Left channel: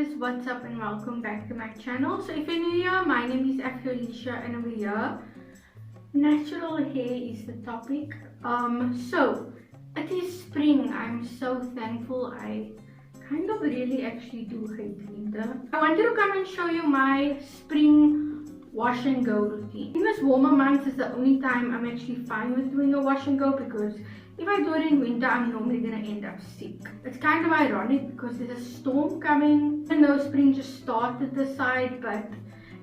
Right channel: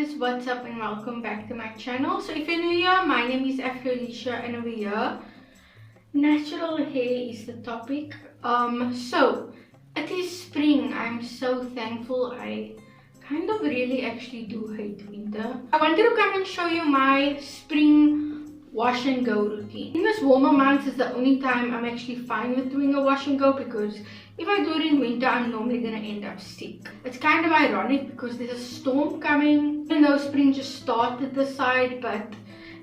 guys, what's up and welcome back to my channel. So if you're new here, my name is Alicia and over here natural hair is the topic. So it is spring. I'm so thankful. I kind of really actually do hate winter. I wanted to come and show you my spring wash and go routine. In this warmer months is the only time I'm actually fine with doing a wash and go, because if I do it in winter, I'm normally gonna end up sick. It's kind of ironic because there's a storm coming, even though spring just started this side. But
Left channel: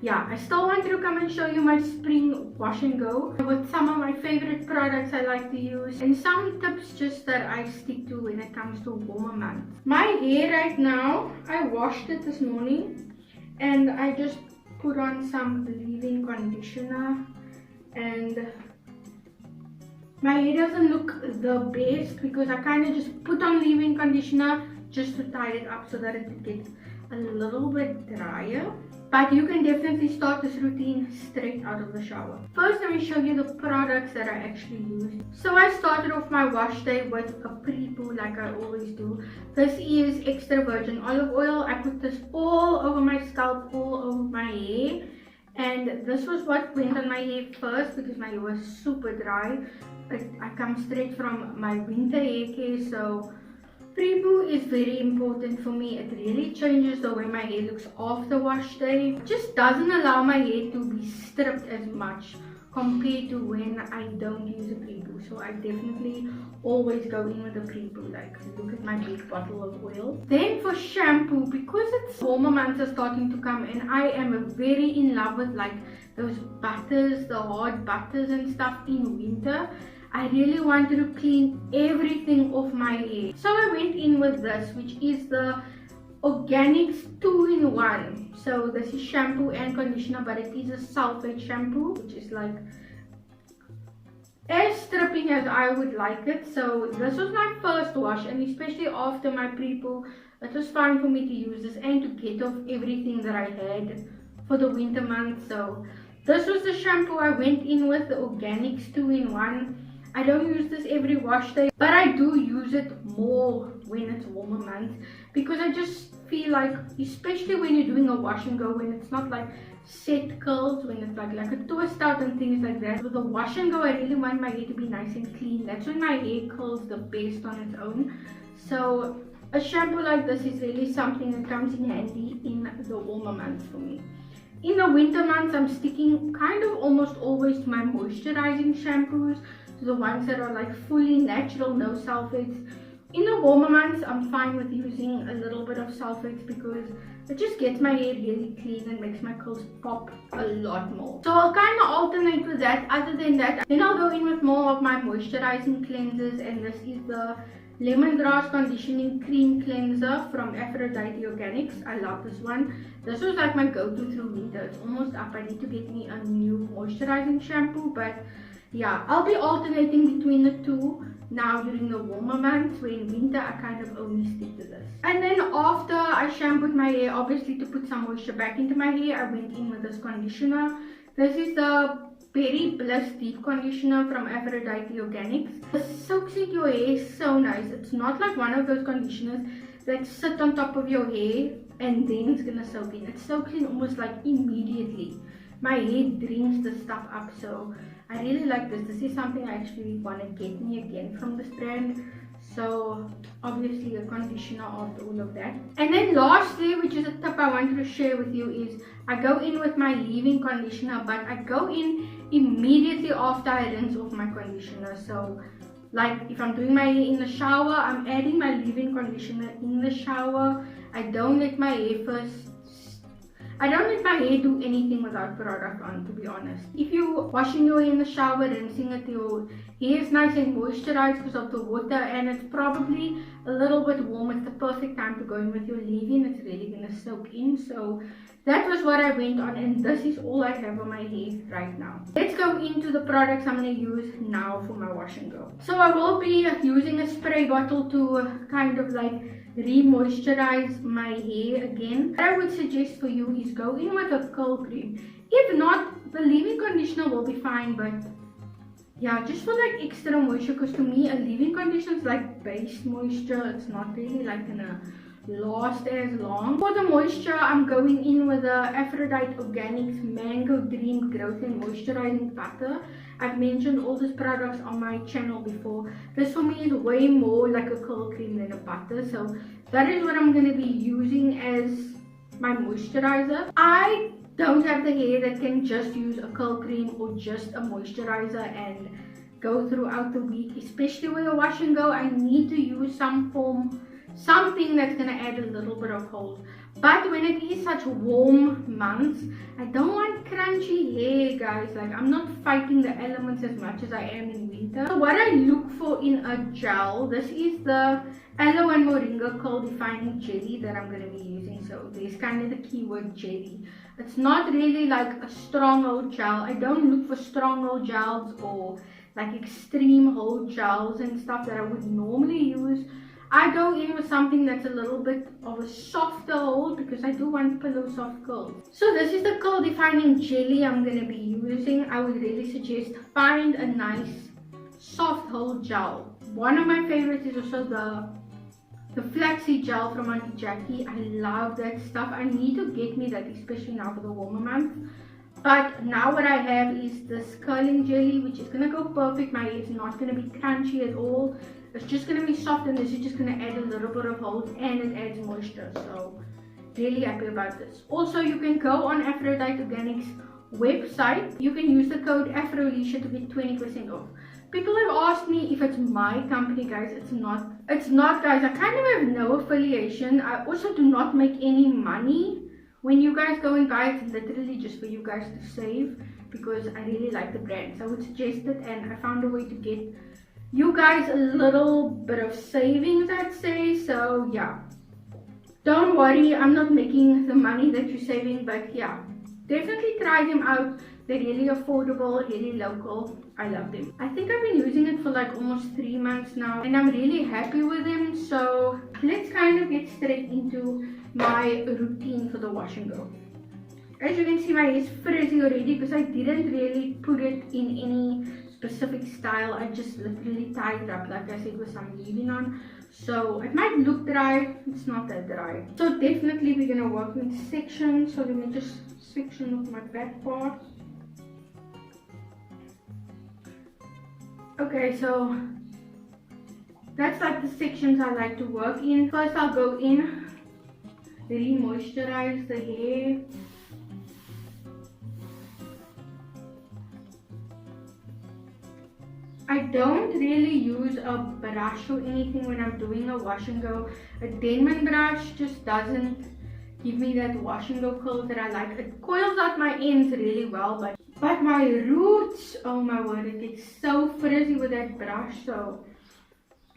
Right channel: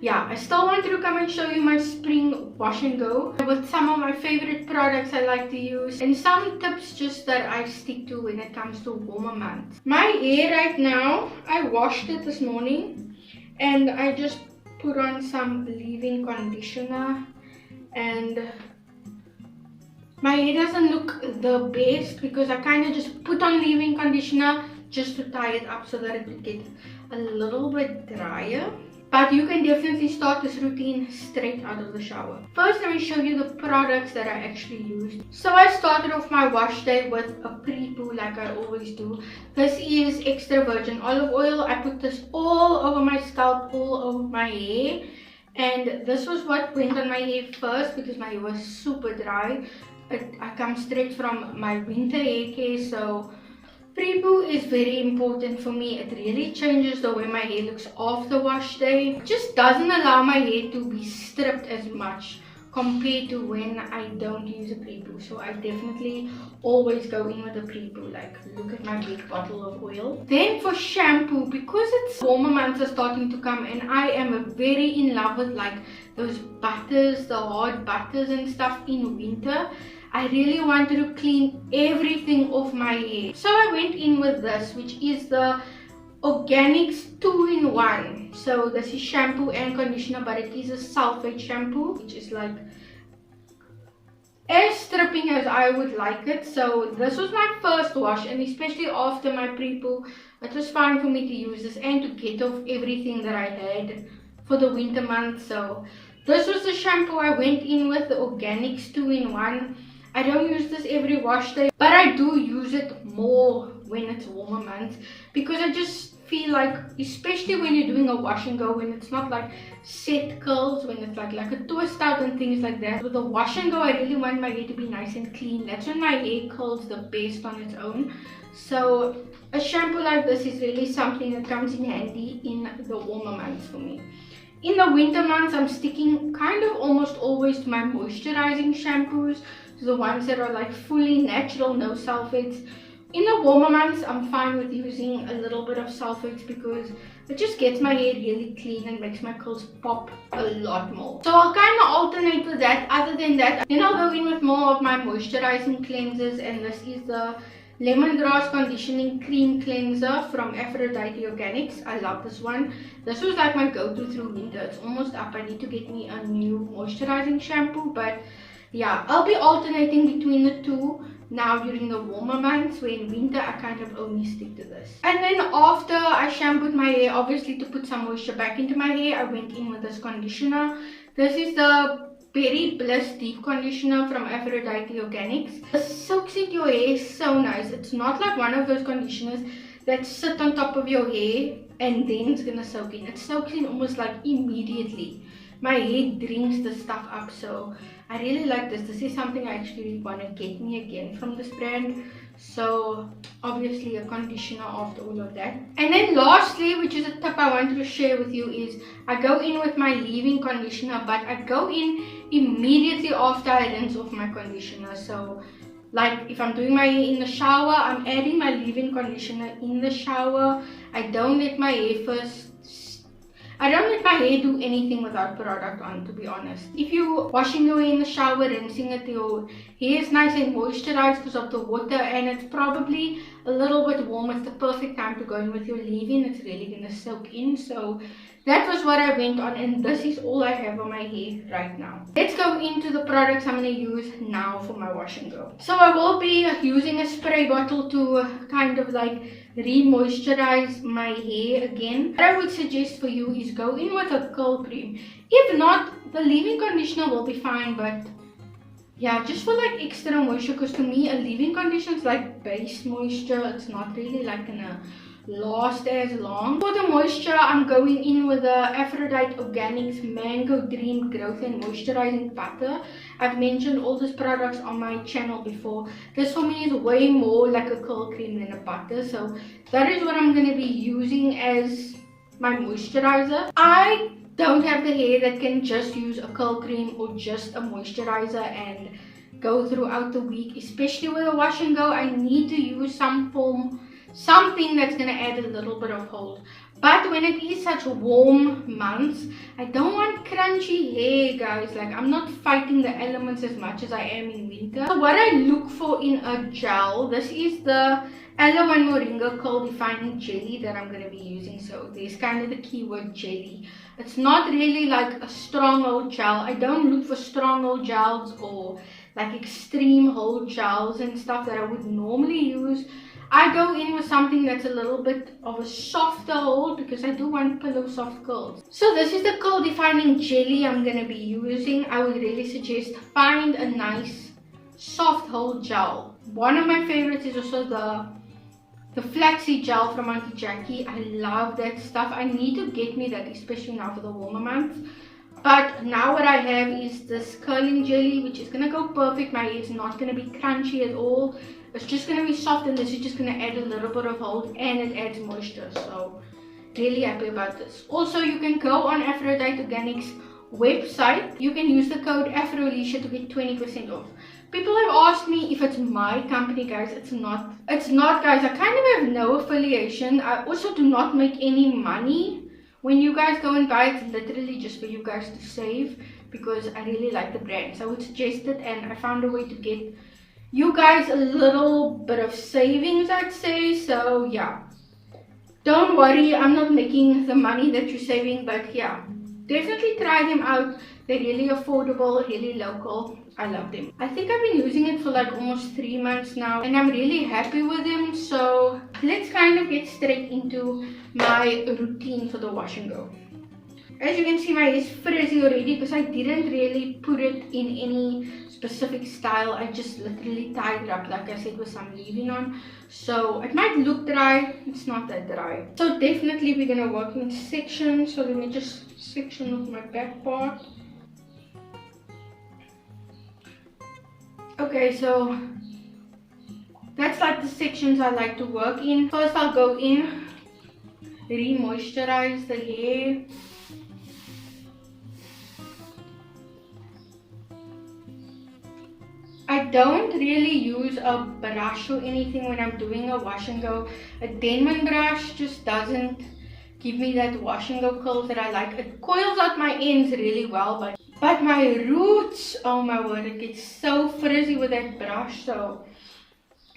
yeah, I still wanted to come and show you my spring wash and go with some of my favorite products I like to use and some tips just that I stick to when it comes to warmer months. My hair right now, I washed it this morning and I just put on some leave-in conditioner, and my hair doesn't look the best because I kind of just put on leave-in conditioner just to tie it up so that it would get a little bit drier. But you can definitely start this routine straight out of the shower. First, let me show you the products that I actually used. So I started off my wash day with a pre-poo like I always do. This is extra virgin olive oil. I put this all over my scalp, all over my hair. And this was what went on my hair first because my hair was super dry. I come straight from my winter hair care, so pre-poo is very important for me. It really changes the way my hair looks after wash day. It just doesn't allow my hair to be stripped as much compared to when I don't use a pre-poo. So I definitely always go in with a pre-poo. Like, look at my big bottle of oil. Then for shampoo, because it's warmer months are starting to come and I am very in love with like those butters, the hard butters and stuff in winter, I really wanted to clean everything off my hair. So I went in with this, which is the Organics 2-in-1. So this is shampoo and conditioner, but it is a sulfate shampoo, which is like as stripping as I would like it. So this was my first wash, and especially after my pre-poo, it was fine for me to use this and to get off everything that I had for the winter months. So this was the shampoo I went in with, the Organics 2-in-1. I don't use this every wash day, but I do use it more when it's warmer months, because I just feel like, especially when you're doing a wash and go, when it's not like set curls, when it's like a twist out and things like that. With a wash and go, I really want my hair to be nice and clean. That's when my hair curls the best on its own. So a shampoo like this is really something that comes in handy in the warmer months for me. In the winter months, I'm sticking kind of almost always to my moisturizing shampoos, the ones that are like fully natural, no sulfates. In the warmer months, I'm fine with using a little bit of sulfates because it just gets my hair really clean and makes my curls pop a lot more. So I'll kind of alternate with that. Other than that, then I'll go in with more of my moisturizing cleansers, and this is the Lemongrass Conditioning Cream Cleanser from Aphrodite Organics. I love this one. This was like my go-to through winter. It's almost up. I need to get me a new moisturizing shampoo, but yeah, I'll be alternating between the two now during the warmer months. When in winter, I kind of only stick to this. And then after I shampooed my hair, obviously to put some moisture back into my hair, I went in with this conditioner. This is the Berry Bliss Deep Conditioner from Aphrodite Organics. This soaks into your hair so nice. It's not like one of those conditioners that sit on top of your hair and then it's gonna soak in. It soaks in almost like immediately. My hair drinks the stuff up, so I really like this. This is something I actually want to get me again from this brand. So obviously a conditioner after all of that. And then lastly, which is a tip I wanted to share with you, is I go in with my leave-in conditioner, but I go in immediately after I rinse off my conditioner. So like if I'm doing my hair in the shower, I'm adding my leave-in conditioner in the shower. I don't let my hair do anything without product on, to be honest. If you're washing your hair in the shower, rinsing it, your hair is nice and moisturized because of the water, and it's probably a little bit warm. It's the perfect time to go in with your leave-in. It's really going to soak in. So that was what I went on, and this is all I have on my hair right now. Let's go into the products I'm going to use now for my wash and go. So I will be using a spray bottle to kind of like re-moisturize my hair again. What I would suggest for you is go in with a curl cream. If not, the leave-in conditioner will be fine, but yeah, just for like extra moisture, because to me a leave-in conditioner is like base moisture. It's not really like gonna last as long. For the moisture, I'm going in with the Aphrodite Organics Mango Dream Growth and Moisturizing Butter. I've mentioned all these products on my channel before. This for me is way more like a curl cream than a butter, so that is what I'm going to be using as my moisturizer. I don't have the hair that can just use a curl cream or just a moisturizer and go throughout the week, especially with a wash and go. I need to use something that's going to add a little bit of hold. But when it is such warm months, I don't want crunchy hair, guys. Like, I'm not fighting the elements as much as I am in winter. So what I look for in a gel, this is the Aloe and Moringa Curl Defining Jelly that I'm going to be using. So there's kind of the keyword jelly. It's not really like a strong hold gel. I don't look for strong hold gels or like extreme hold gels and stuff that I would normally use. I go in with something that's a little bit of a softer hold because I do want pillow soft curls. So this is the curl defining jelly I'm going to be using. I would really suggest find a nice soft hold gel. One of my favorites is also the flaxseed gel from Auntie Jackie. I love that stuff. I need to get me that, especially now for the warmer months. But now what I have is this curling jelly, which is going to go perfect. My hair is not going to be crunchy at all. It's just going to be soft, and this is just going to add a little bit of hold, and it adds moisture. So really happy about this. Also, you can go on Aphrodite Organics website. You can use the code AfroLisha to get 20% off. People have asked me if it's my company, guys. It's not, guys. I kind of have no affiliation. I also do not make any money when you guys go and buy. It's literally just for you guys to save, because I really like the brand. So I would suggest it, and I found a way to get you guys a little bit of savings, I'd say. So yeah, don't worry, I'm not making the money that you're saving, but yeah, definitely try them out. They're really affordable, really local. I love them. I think I've been using it for like almost 3 months now, and I'm really happy with them. So let's kind of get straight into my routine for the wash and go. As you can see, my hair is frizzy already because I didn't really put it in any specific style. I just literally tied it up, like I said, with some leave-in on. So it might look dry, it's not that dry. So definitely we're gonna work in sections. So let me just section off my back part. Okay, so that's like the sections I like to work in. First I'll go in, re-moisturize the hair. I don't really use a brush or anything when I'm doing a wash and go. A Denman brush just doesn't give me that wash and go curls that I like. It coils out my ends really well, but my roots, oh my word, it gets so frizzy with that brush. So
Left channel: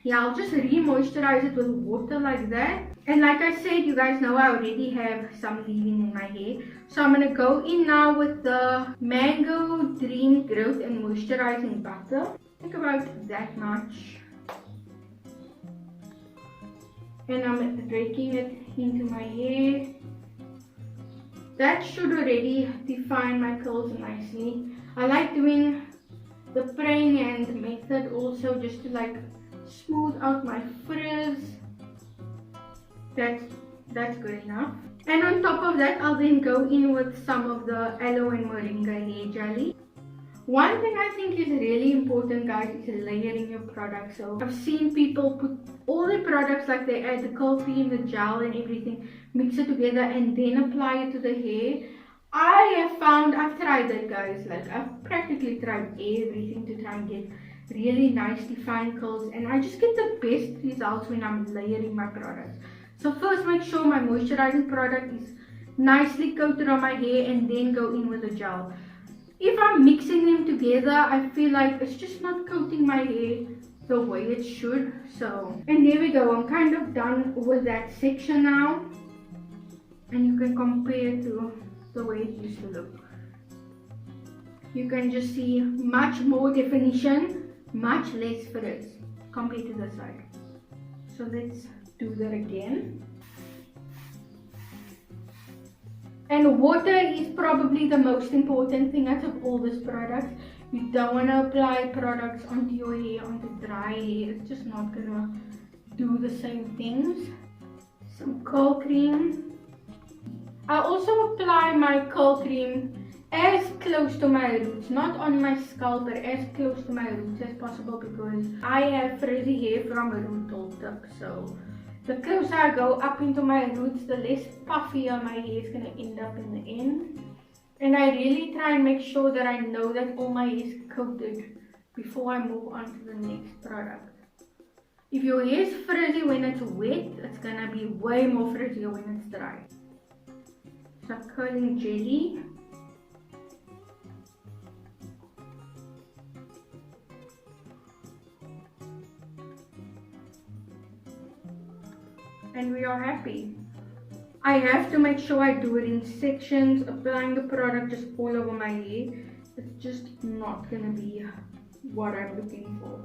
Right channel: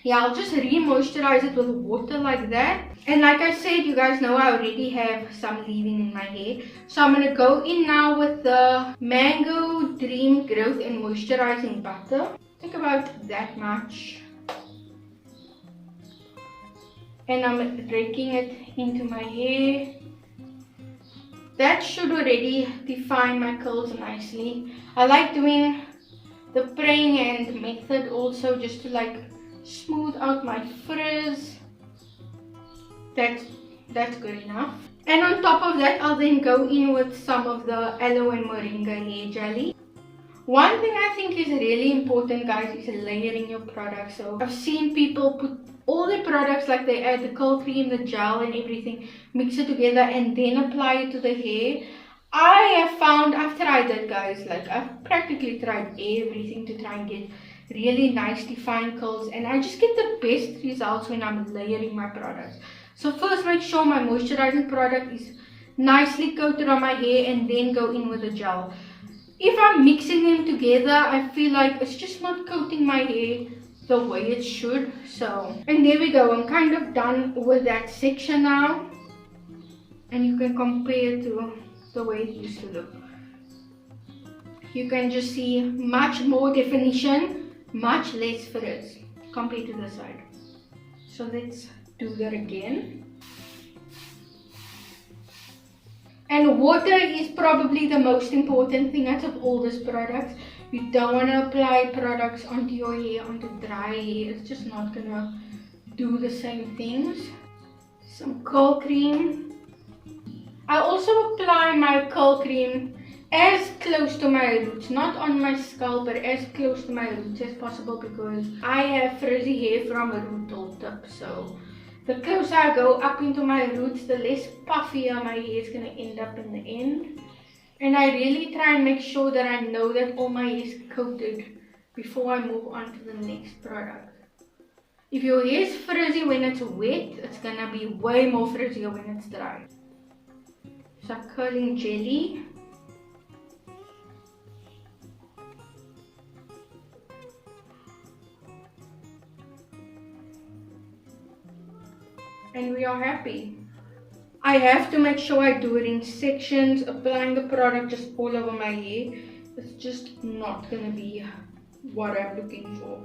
yeah, I'll just re-moisturize it with water like that. And like I said, you guys know I already have some leave-in in my hair. So I'm going to go in now with the Mango Dream Growth and Moisturizing Butter. I think about that much. And I'm raking it into my hair. That should already define my curls nicely. I like doing the praying hand method also, just to like smooth out my frizz. That's good enough. And on top of that, I'll then go in with some of the Aloe and Moringa hair jelly. One thing I think is really important, guys, is layering your products. So I've seen people put all the products, like they add the curl cream, the gel and everything, mix it together and then apply it to the hair. I have found, I've tried that, guys, like I've practically tried everything to try and get really nice defined curls, and I just get the best results when I'm layering my products. So first make sure my moisturizing product is nicely coated on my hair and then go in with the gel. If I'm mixing them together, I feel like it's just not coating my hair the way it should. So, and there we go. I'm kind of done with that section now. And you can compare to the way it used to look. You can just see much more definition, much less frizz compared to the side. So let's do that again. And water is probably the most important thing out of all these products. You don't want to apply products onto your hair, onto dry hair. It's just not gonna do the same things. some curl cream. I also apply my curl cream as close to my roots, not on my scalp, but as close to my roots as possible, because I have frizzy hair from a root till tip. So the closer I go up into my roots, the less puffier my hair is going to end up in the end. And I really try and make sure that I know that all my hair is coated before I move on to the next product. If your hair is frizzy when it's wet, it's going to be way more frizzier when it's dry. Some curling jelly. And we are happy. I have to make sure I do it in sections. Applying the product just all over my hair, it's just not going to be what I'm looking for.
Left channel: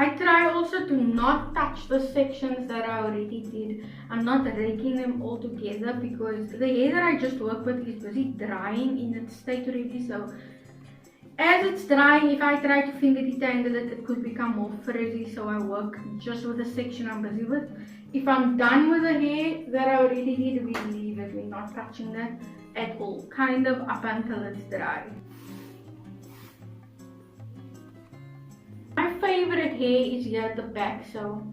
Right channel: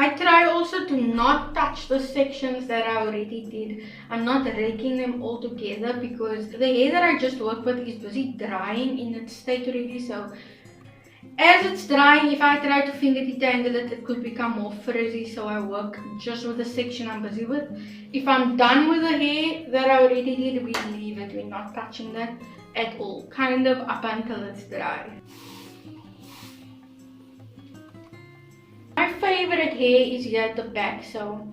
I try also to not touch the sections that I already did. I'm not raking them all together because the hair that I just worked with is busy drying in its state already. So as it's drying, if I try to finger detangle it, it could become more frizzy. So I work just with the section I'm busy with. If I'm done with the hair that I already did, we leave it. We're not touching that at all, kind of up until it's dry. My favorite hair is here at the back. So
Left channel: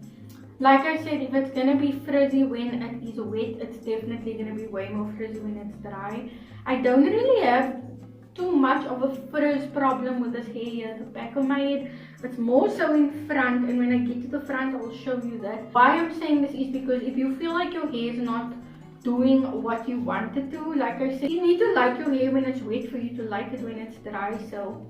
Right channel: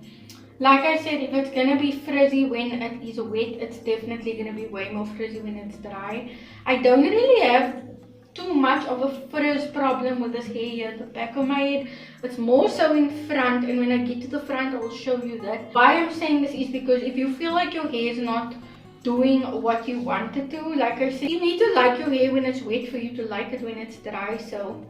like I said, if it's gonna be frizzy when it is wet, it's definitely gonna be way more frizzy when it's dry. I don't really have too much of a frizz problem with this hair here at the back of my head. It's more so in front, and when I get to the front I will show you that. Why I'm saying this is because if you feel like your hair is not doing what you want it to, like I said, you need to like your hair when it's wet for you to like it when it's dry. So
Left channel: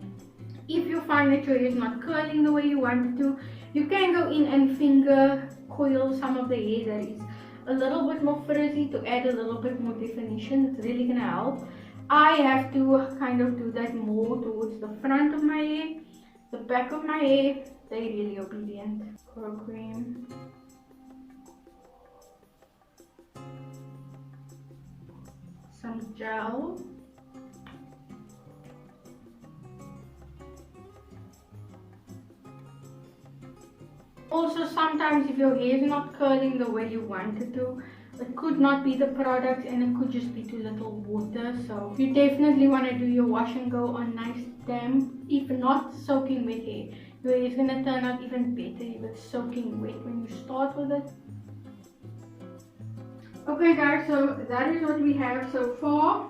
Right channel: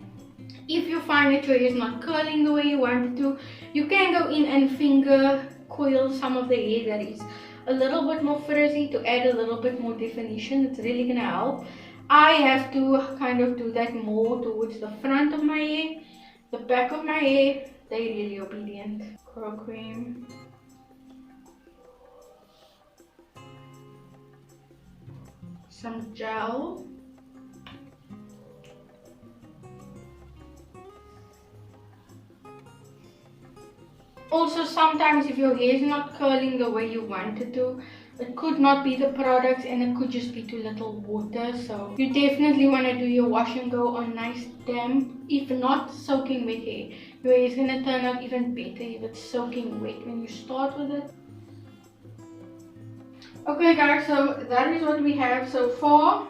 if you find that your hair is not curling the way you want it to, you can go in and finger coil some of the hair that is a little bit more frizzy to add a little bit more definition. It's really gonna help. I have to kind of do that more towards the front of my hair. The back of my hair, they're really obedient. Curl cream. Some gel. Also, sometimes if your hair is not curling the way you want it to, it could not be the products and it could just be too little water. So you definitely want to do your wash and go on nice damp, if not soaking wet hair. Your hair is going to turn out even better if it's soaking wet when you start with it. Okay guys, so that is what we have so far.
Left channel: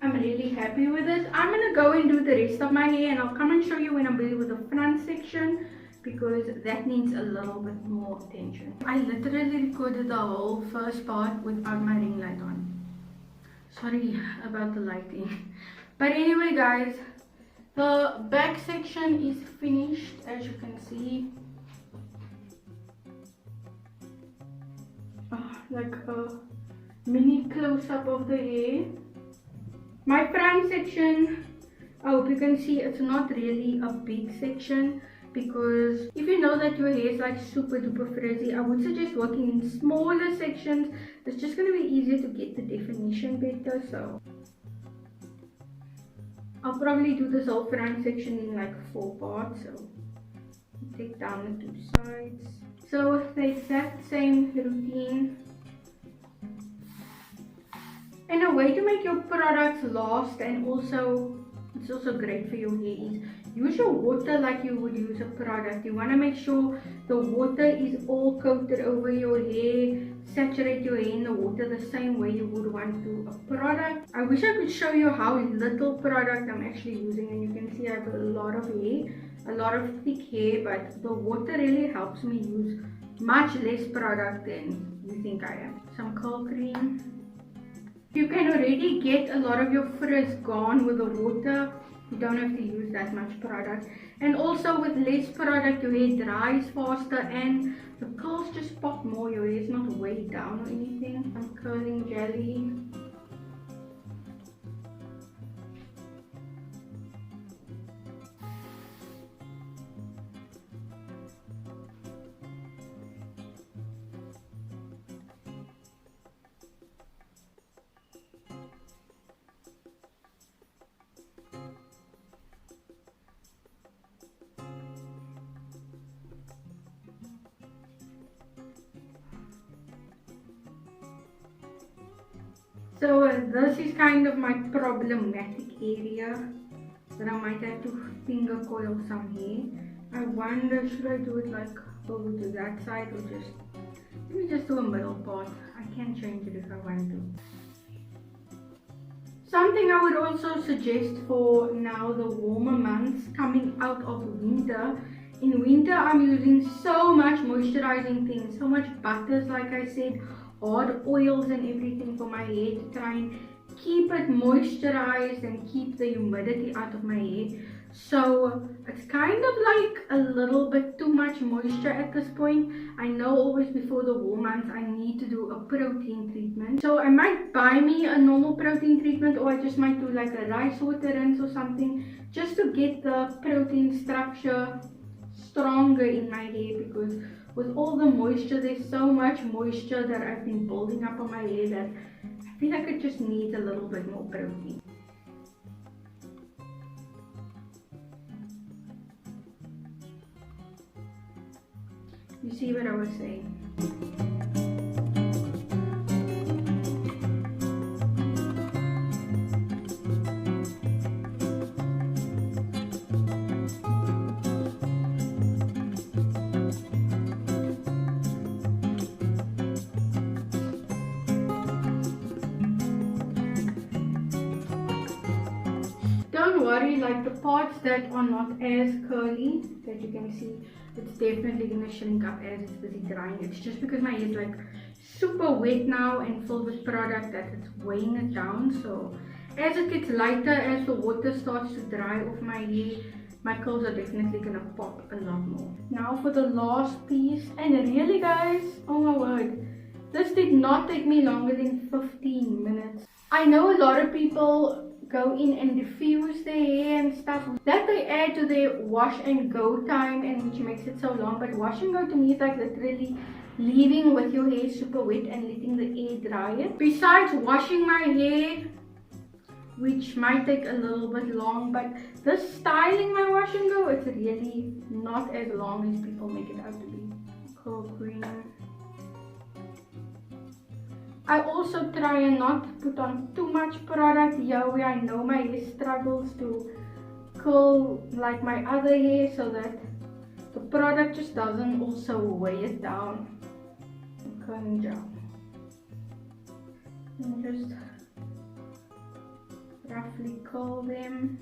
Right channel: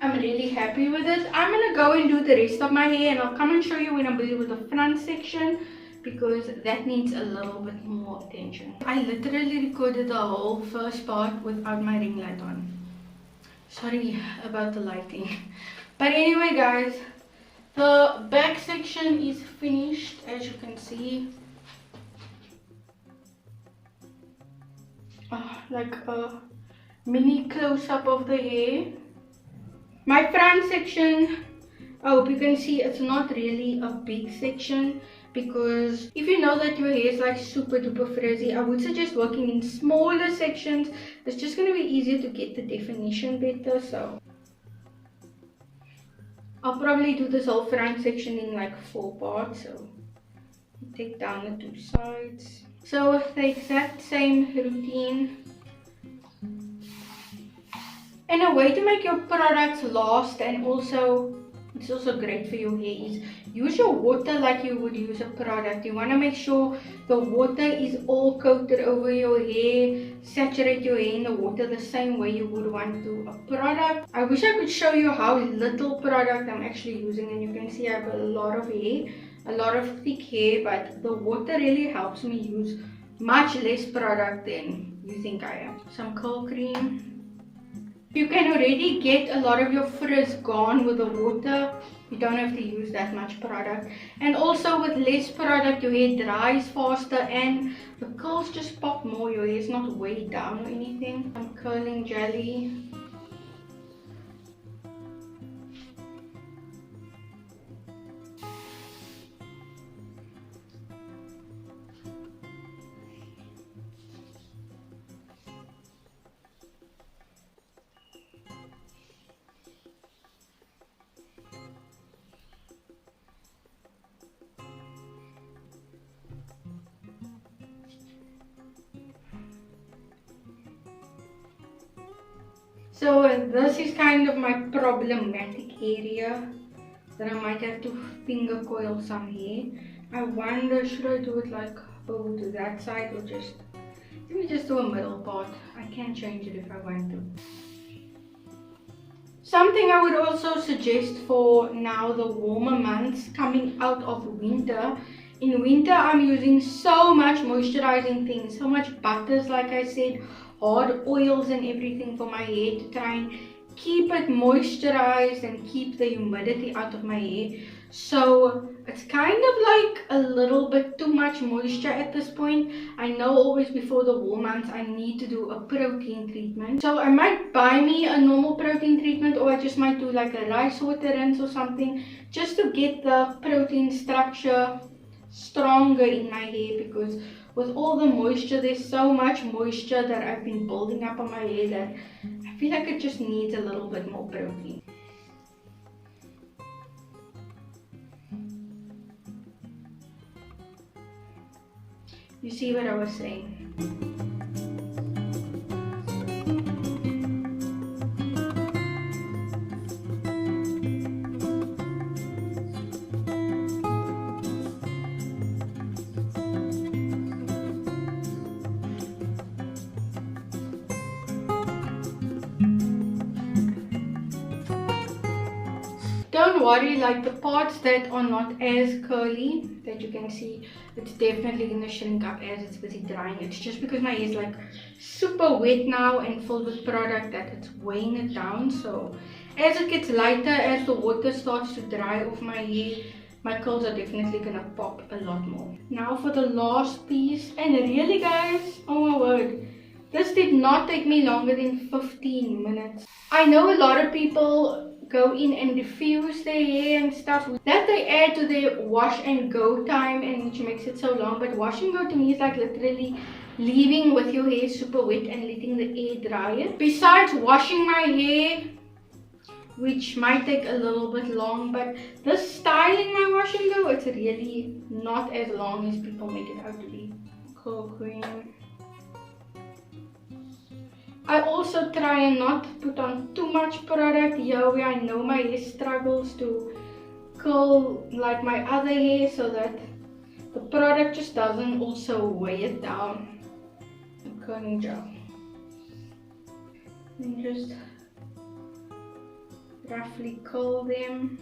I'm really happy with it. I'm going to go and do the rest of my hair, and I'll come and show you when I'm busy with the front section, because that needs a little bit more attention. I literally recorded the whole first part without my ring light on. Sorry about the lighting. But anyway guys, the back section is finished, as you can see. Like a mini close-up of the hair. My front section, I hope you can see, it's not really a big section, because if you know that your hair is like super duper frizzy, I would suggest working in smaller sections. It's just going to be easier to get the definition better. So I'll probably do this whole front section in like 4 parts. So take down the 2 sides. So the exact same routine. And a way to make your products last, and also it's also great for your hair, is use your water like you would use a product. You want to make sure the water is all coated over your hair. Saturate your hair in the water the same way you would want to a product. I wish I could show you how little product I'm actually using, and you can see I have a lot of hair, a lot of thick hair, but the water really helps me use much less product than you think I am. Some curl cream. You can already get a lot of your frizz gone with the water You don't have to use that much product. And also with less product, your hair dries faster and the curls just pop more. Your hair is not weighed down or anything. I'm curling jelly. So this is kind of my problematic area that I might have to finger coil some hair. I wonder, should I do it like over to that side or just, let me just do a middle part. I can change it if I want to. Something I would also suggest for now the warmer months coming out of winter. In winter I'm using so much moisturizing things, so much butters like I said, hard oils and everything for my hair to try and keep it moisturized and keep the humidity out of my hair. So it's kind of like a little bit too much moisture at this point. I know always before the warm months I need to do a protein treatment. So I might buy me a normal protein treatment, or I just might do like a rice water rinse or something just to get the protein structure stronger in my hair, because with all the moisture, there's so much moisture that I've been building up on my hair that I feel like it just needs a little bit more protein. You see what I was saying? Don't worry, like the parts that are not as curly that you can see, it's definitely gonna shrink up as it's busy drying. It's just because my hair is like super wet now and filled with product that it's weighing it down. So as it gets lighter, as the water starts to dry off my hair, my curls are definitely gonna pop a lot more. Now for the last piece, and really guys, oh my word, this did not take me longer than 15 minutes. I know a lot of people go in and diffuse their hair and stuff that they add to their wash and go time, and which makes it so long. But wash and go to me is like literally leaving with your hair super wet and letting the air dry it. Besides washing my hair, which might take a little bit long, but this styling my wash and go, it's really not as long as people make it out to be. Curl cream. I also try and not put on too much product here where I know my hair struggles to curl like my other hair, so that the product just doesn't also weigh it down. Curling gel. And just roughly curl them.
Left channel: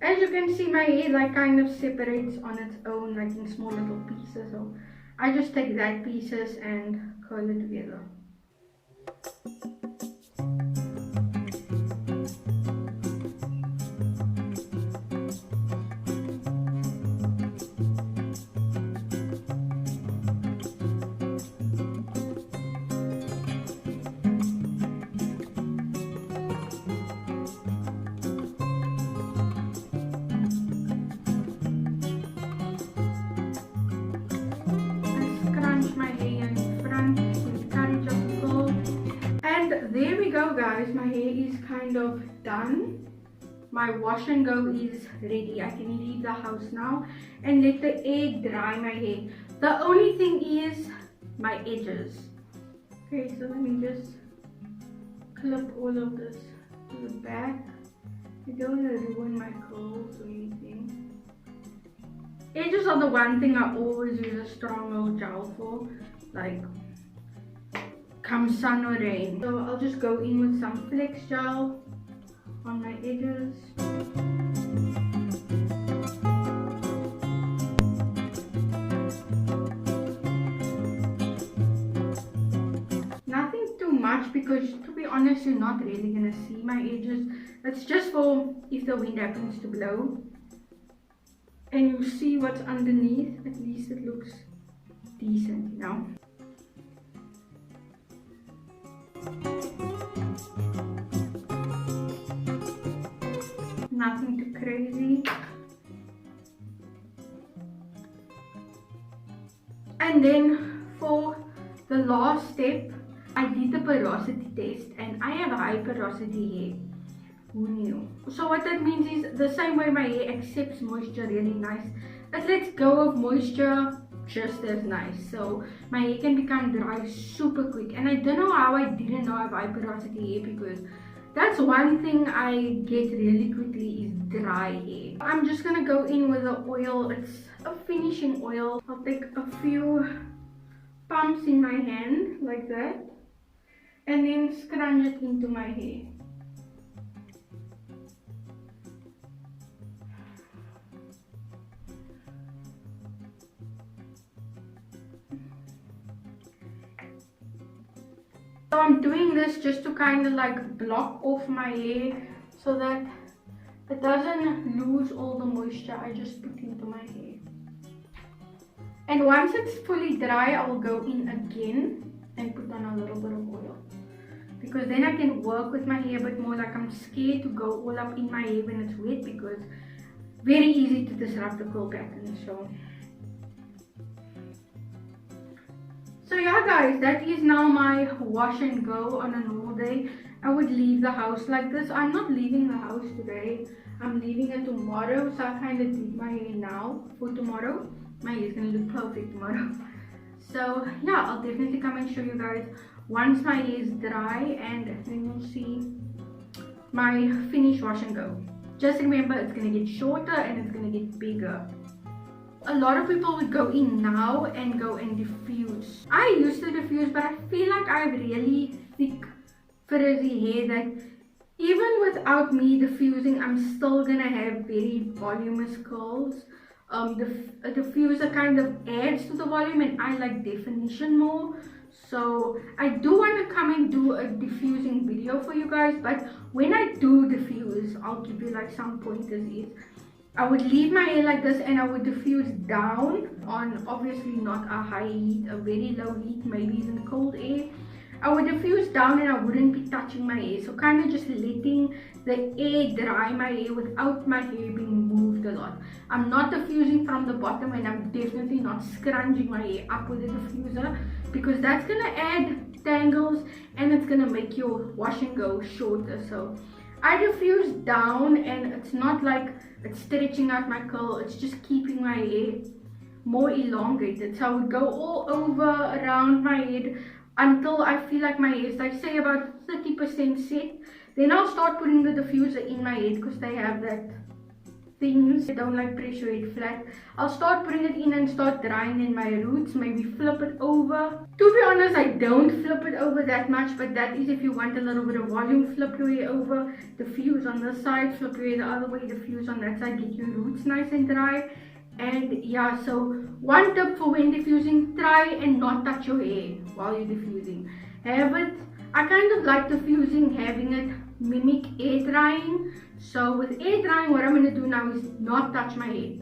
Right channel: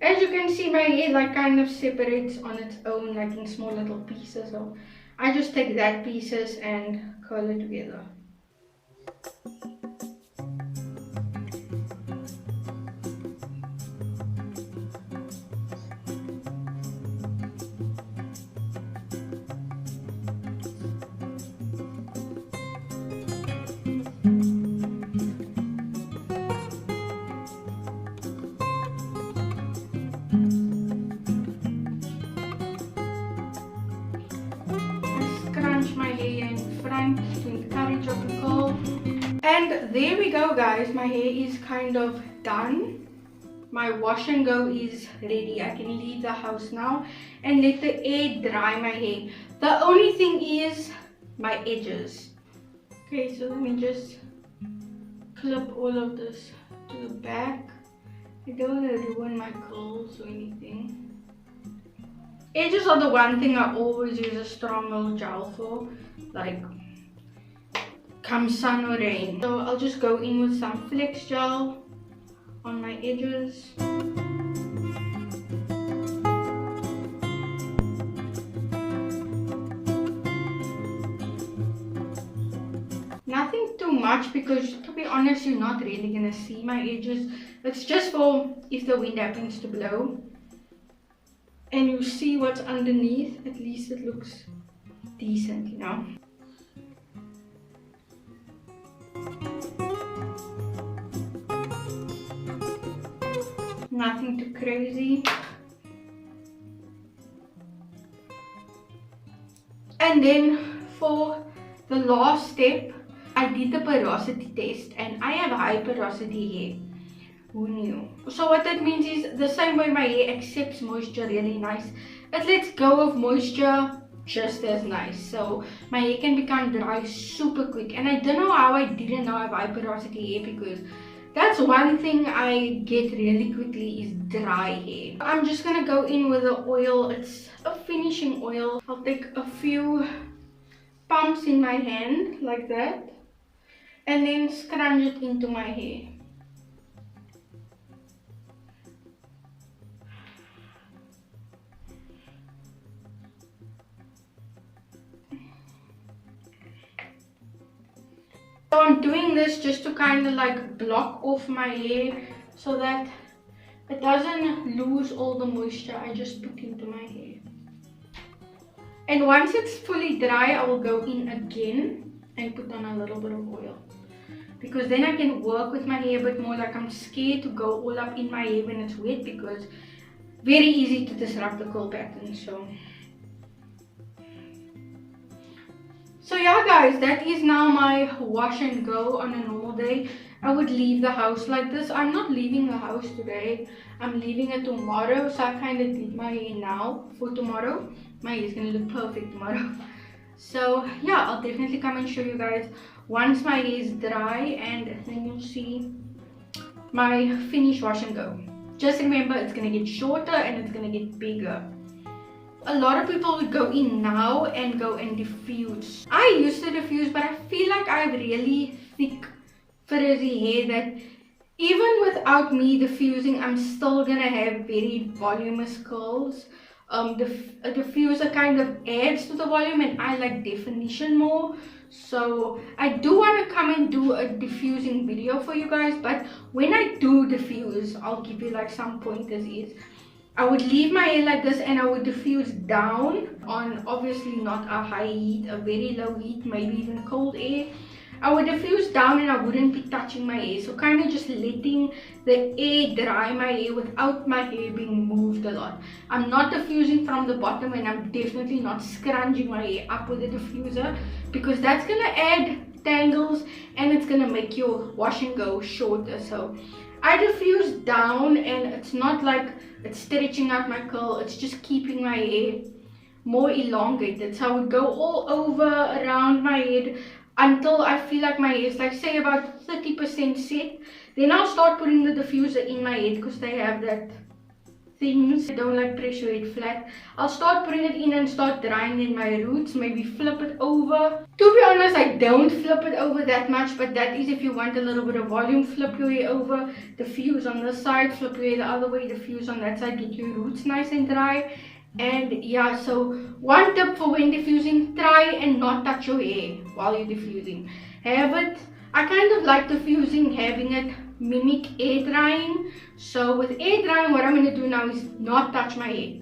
As you can see, my hair like kind of separates on its own, like in small little pieces. So I just take that pieces and curl it together. There we go guys, my hair is kind of done. My wash and go is ready. I can leave the house now and let the air dry my hair. The only thing is my edges. Okay, so let me just clip all of this to the back. I don't want to ruin my curls or anything. Edges are the one thing I always use a strong old gel for, like come sun or rain. So I'll just go in with some flex gel on my edges. Nothing too much because, to be honest, you're not really gonna see my edges. It's just for if the wind happens to blow and you see what's underneath. At least it looks decent, you know. Nothing too crazy. And then for the last step, I did the porosity test and I have high porosity hair. Who knew? So what that means is the same way my hair accepts moisture really nice, it lets go of moisture just as nice. So my hair can become dry super quick. And I don't know how I didn't know I have high porosity hair, because that's one thing I get really quickly is dry hair. I'm just gonna go in with the oil. It's a finishing oil. I'll take a few pumps in my hand like that and then scrunch it into my hair. So I'm doing this just to kind of like block off my hair so that it doesn't lose all the moisture I just put into my hair. And once it's fully dry, I will go in again and put on a little bit of oil, because then I can work with my hair a bit more. Like, I'm scared to go all up in my hair when it's wet, because very easy to disrupt the curl pattern. So yeah guys, that is now my wash and go on a normal day. I would leave the house like this. I'm not leaving the house today, I'm leaving it tomorrow. So I kind of did my hair now for tomorrow. My hair is going to look perfect tomorrow. So yeah, I'll definitely come and show you guys once my hair is dry, and then you'll see my finished wash and go. Just remember, it's going to get shorter and it's going to get bigger. A lot of people would go in now and go and diffuse. I used to diffuse, but I feel like I have really thick frizzy hair that even without me diffusing, I'm still gonna have very voluminous curls. The diffuser kind of adds to the volume, and I like definition more. So I do want to come and do a diffusing video for you guys, but when I do diffuse, I'll give you like some pointers. I would leave my hair like this and I would diffuse down on, obviously not a high heat, a very low heat, maybe even cold air. I would diffuse down and I wouldn't be touching my hair. So kind of just letting the air dry my hair without my hair being moved a lot. I'm not diffusing from the bottom, and I'm definitely not scrunching my hair up with the diffuser, because that's going to add tangles and it's going to make your wash and go shorter. So I diffuse down, and it's not like it's stretching out my curl, it's just keeping my hair more elongated. So I would go all over around my head until I feel like my hair is like, say, about 30% set. Then I'll start putting the diffuser in my head, because they have that things, I don't like pressure head flat. I'll start putting it in and start drying in my roots, maybe flip it over. To be honest, I don't flip it over that much, but that is if you want a little bit of volume. Flip your hair over, diffuse on this side, flip your hair the other way, diffuse on that side, get your roots nice and dry. And yeah, so one tip for when diffusing, try and not touch your hair while you're diffusing. Have it, I kind of like diffusing, having it mimic air drying. So with air drying, what I'm going to do now is not touch my hair.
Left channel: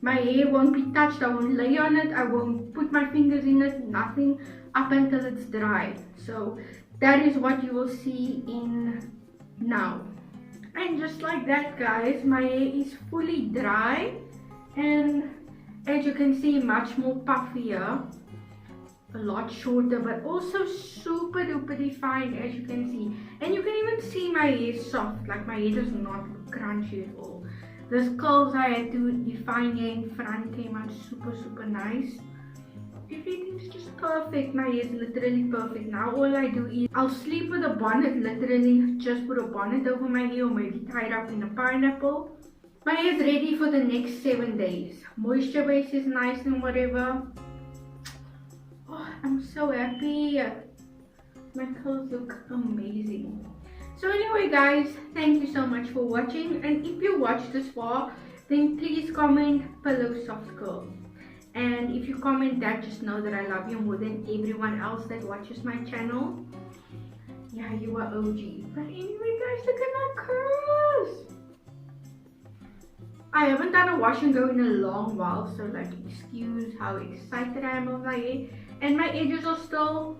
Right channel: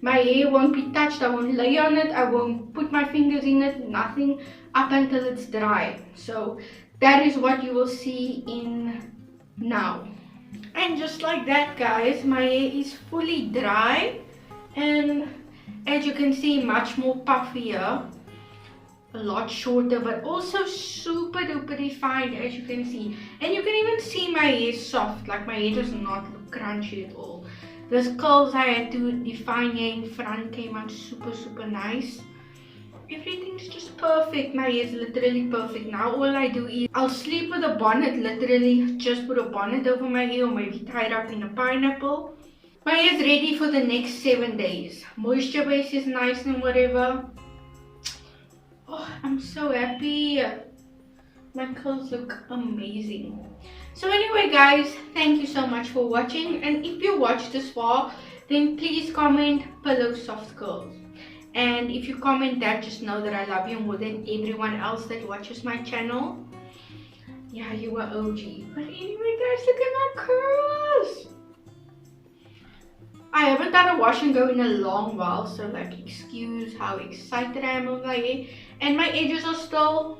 My hair won't be touched, I won't lay on it, I won't put my fingers in it, nothing, up until it's dry. So that is what you will see in now. And just like that guys, my hair is fully dry. And as you can see, much more puffier, a lot shorter, but also super duper defined, as you can see. And you can even see my hair soft, like my hair does not look crunchy at all. Those curls I had to define here in front came out super nice. Everything's just perfect. My hair is literally perfect. Now all I do is I'll sleep with a bonnet, literally just put a bonnet over my hair, or maybe tie it up in a pineapple. My hair is ready for the next 7 days. Moisture base is nice and whatever. Oh, I'm so happy. My curls look amazing. So anyway guys, thank you so much for watching. And if you watched this far, then please comment pillow soft curls. And if you comment that, just know that I love you more than everyone else that watches my channel. Yeah, you were OG. But anyway, guys, look at my curls. I haven't done a wash and go in a long while, so like excuse how excited I am over my hair. And my edges are still,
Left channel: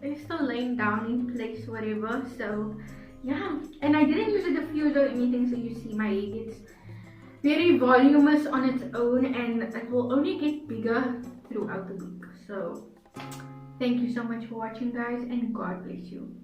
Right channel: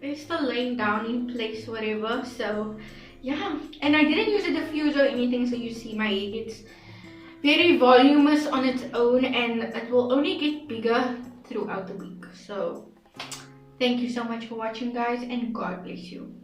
they're still laying down in place, whatever. So yeah, and I didn't use a diffuser or anything, so you see my hair gets very voluminous on its own, and it will only get bigger throughout the week. So thank you so much for watching, guys, and God bless you.